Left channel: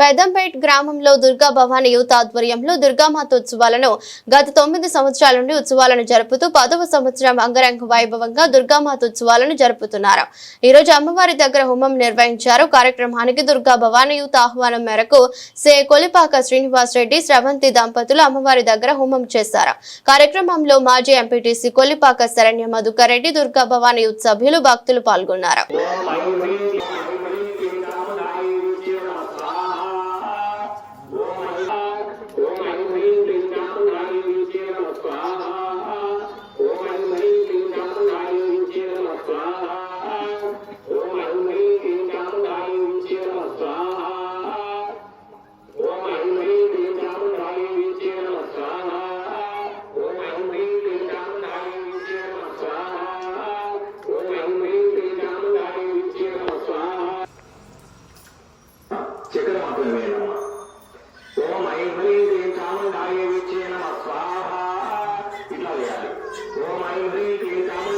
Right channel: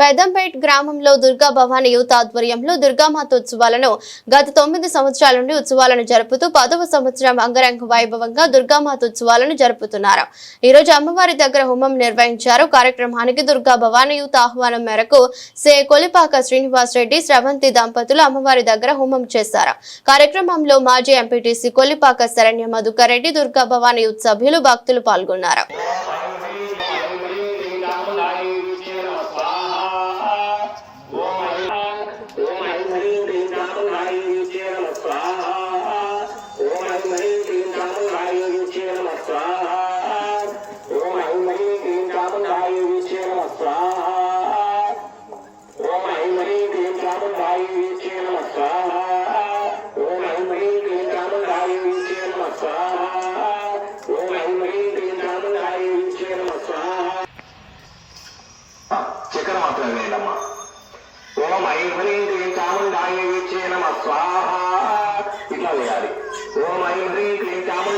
పెద్దంపేట్ గ్రామంలో దుర్గా భవానీ యూత్ ఆధ్వర్యంలో దుర్గామాత ఉత్సవాలను గత 9 సంవత్సరాల నుండి ఉత్సవాలను జరుపుతూ 10వ సంవత్సరం అంగరంగ వైభవంగా దుర్గామాత ఉత్సవాలను జరుపుతున్నారు. ఈ రోజు అమ్మవారి దగ్గర హోమం నిర్వహించారు. కార్యక్రమానికి దుర్గా భవానీ యూత్ ఆహ్వానం మేరకు సే కొలిపాక శ్రీనివాస్ రెడ్డి స్రవంతి దంపతులు అమ్మవారి దగ్గర హోమం చేశారు. కార్యక్రమంలో మాజీ ఎంపీటీసీ కొలిపాక శరణ్య మధుకర్ రెడ్డి, దుర్గా భవానీ యూత్ సభ్యులు, భక్తులు పాల్గొన్నారు. చక్కెర మాత్రమే వేయాలమ్మా. ఓం ఐం హ్రీం క్లీం చాముండాయ వీచ్యే నమః స్వాహా. ఇట్లా వేయాలి. ఓం ఐం హ్రీం క్లీం చాముండాయ